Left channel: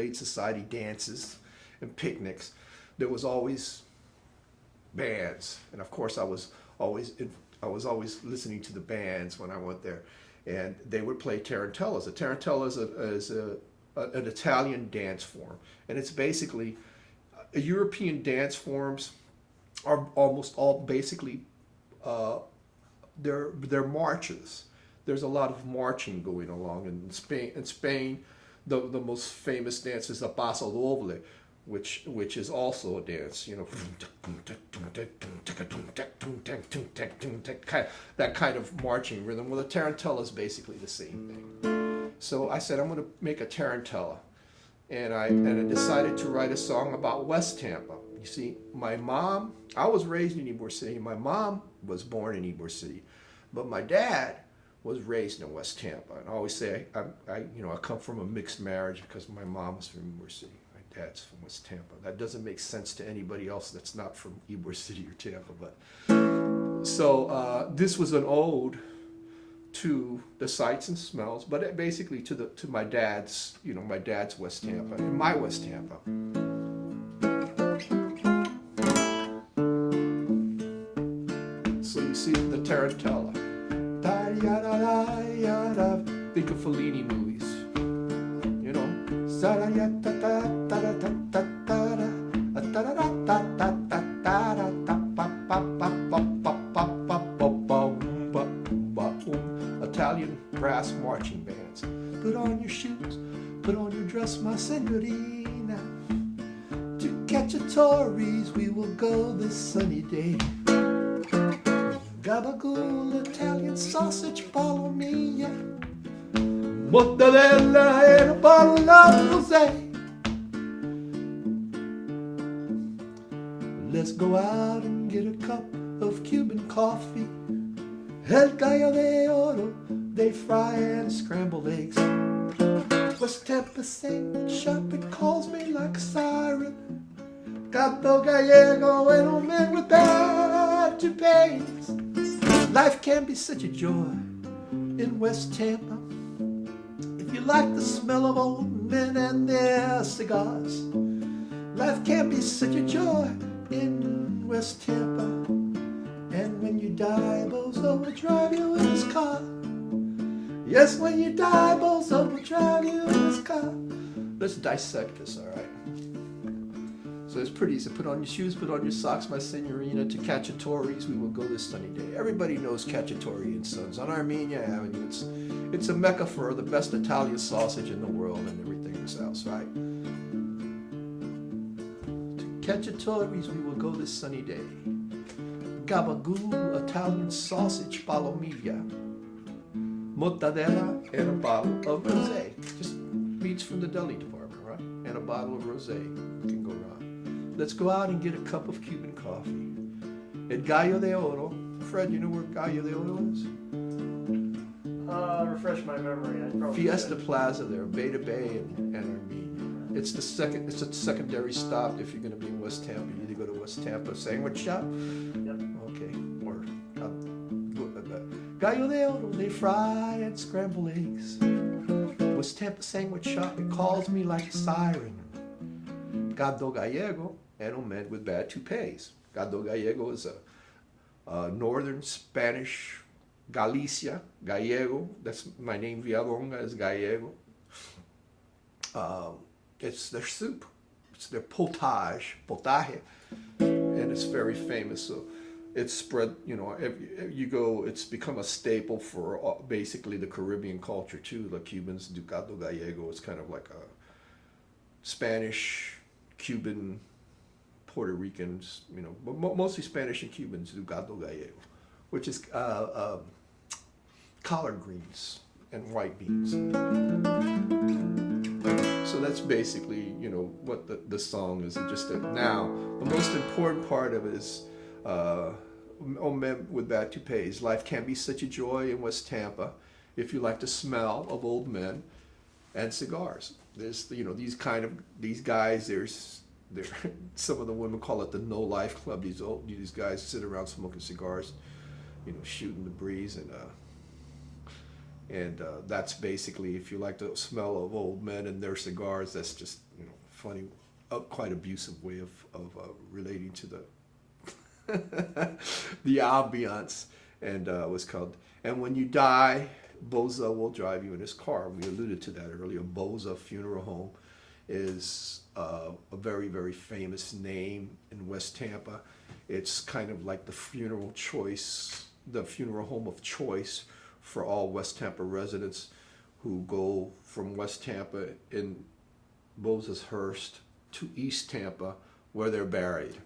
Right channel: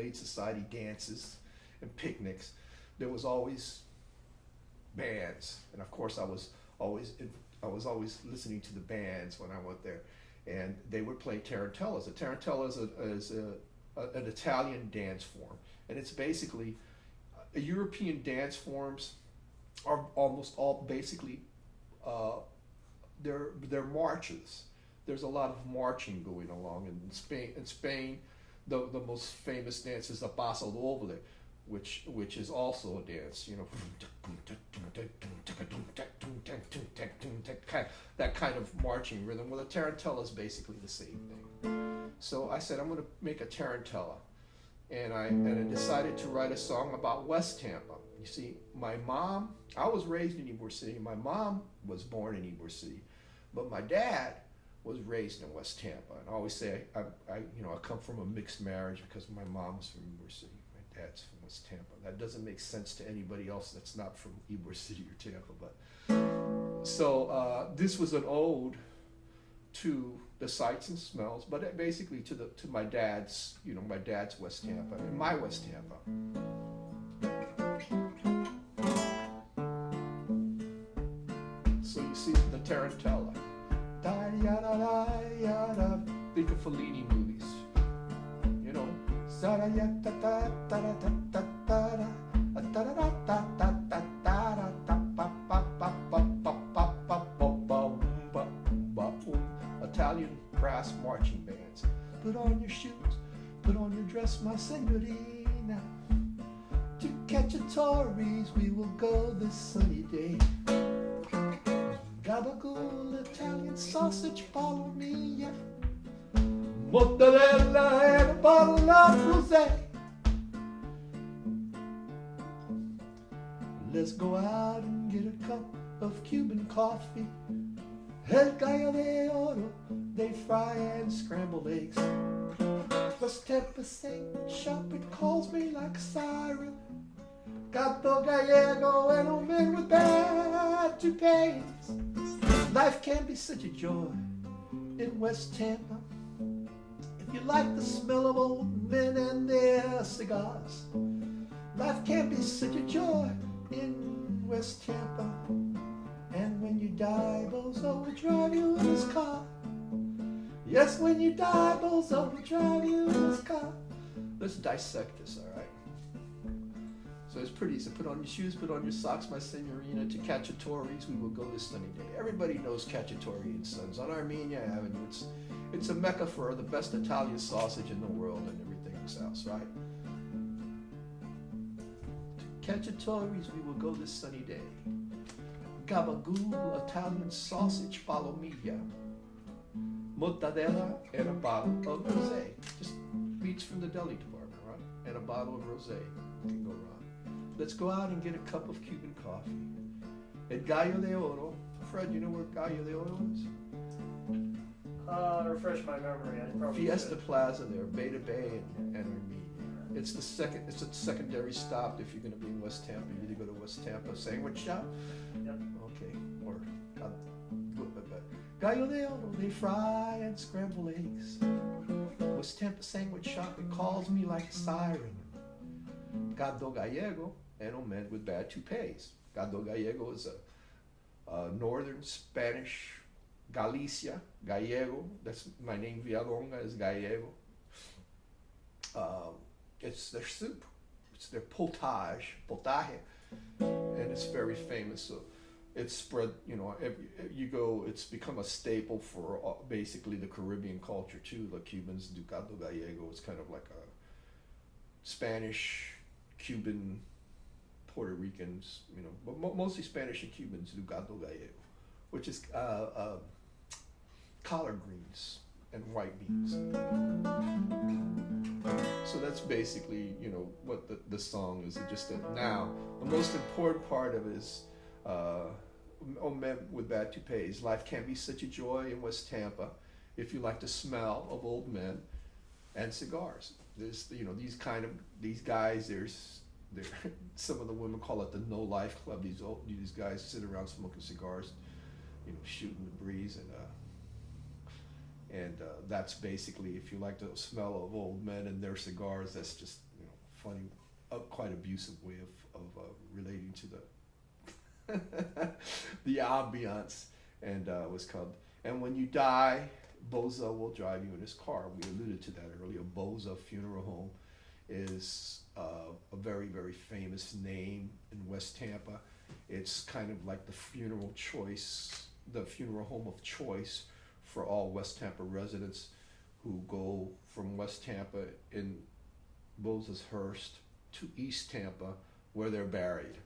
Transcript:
Glade Society dances and picnics, there was always bands, and of course always I was always listening to the bands when I went there, and they would play tarantellas. A tarantella is an Italian dance form, and it's basically European dance forms are almost all basically they're marches. There's a lot of marching going along in Spain. In Spain, the most famous dance is the paso doble, which is also a dance. You know, that kind of marching rhythm. Well, the tarantella is basically the same thing. So I said I'm going to make a tarantella, and I decided to write a song about WesTampa. You see, my mom, I was raised in Ybor City. My mom was born in Ybor City, but my dad was raised in WesTampa. And I always say I come from a mixed marriage because my mom was from Ybor City. My dad's from WesTampa. That doesn't make sense to anybody else that's not from Ybor City or Tampa. But so this was an ode to the sights and smells, but basically to my dad's WesTampa and my WesTampa. So you see the tarantella. Think of Fellini movies, you know. Italian brass marching bands. Put on your shoes, put on your dress, my signorina. To Cacciatore's we will go this sunny day. Gabagool, Italian sausage, follow me. Mortadella and a bottle of rosé. Let's go out and get a cup of Cuban coffee. El gallo de oro, they fry and scrambled eggs. WesTampa sandwich shop, it calls me like a siren. Gato Gallego and a man with bad to pay. Life can be such a joy in WesTampa. If you like the smell of old men and their cigars, life can be such a joy in WesTampa. And when you die, Bozo will drive you in his car. Yes, when you die, Bozo will drive you in his car. Let's dissect this, all right? So it's pretty easy. Put on your shoes, put on your socks, my signorina. To Cacciatore's we will go this sunny day. Everybody knows Cacciatore and Sons on Armenia Avenue. It's a mecca for the best Italian sausage in the world and everything else, right? To Cacciatore's we will go this sunny day. Gabagool, Italian sausage, palomilla. Mortadella and a bottle of rosé. Just meats from the deli department, right? And a bottle of rosé. Can go wrong. Let's go out and get a cup of Cuban coffee. At Gallo de Oro. Fred, you know where Gallo de Oro is? Refresh my memory. Fiesta Plaza there, Beta Bay and Armenia. It's a secondary stop if you're going to be in WesTampa. You need to go to WesTampa Sandwich Shop. Yep. Okay. Or Gallo de Oro, they fry and scramble eggs. WesTampa Sandwich Shop, it calls me like a siren. Gado Gallego and a man with bad toupees. Gado Gallego is a northern Spanish Galicia, Gallego. That's my name, Villalonga, is Gallego. It's their soup. It's their potage, and it's very famous. So it's spread, you go, it's become a staple for basically the Caribbean culture too. The Cubans do Gado Gallego. It's kind of like a Spanish, Cuban, Puerto Ricans, but mostly Spanish and Cubans do Gado Gallego, which is collard greens and white beans. So that's basically, what the song is. Now, the most important part of it is Oh Men with Bad Toupees. Life can be such a joy in WesTampa if you like the smell of old men and cigars. There's, these guys, there's some of the women call it the No Life Club. These guys sit around smoking cigars, shooting the breeze, and And that's basically, if you like the smell of old men and their cigars, that's just, funny, quite abusive way of relating to the ambiance. And it was called "And When You Die, Boza Will Drive You in His Car." We alluded to that earlier. Boza Funeral Home is a very, very famous name in West Tampa. It's kind of like the funeral home of choice for all West Tampa residents who go from West Tampa in Moses Hurst to East Tampa, where they're buried.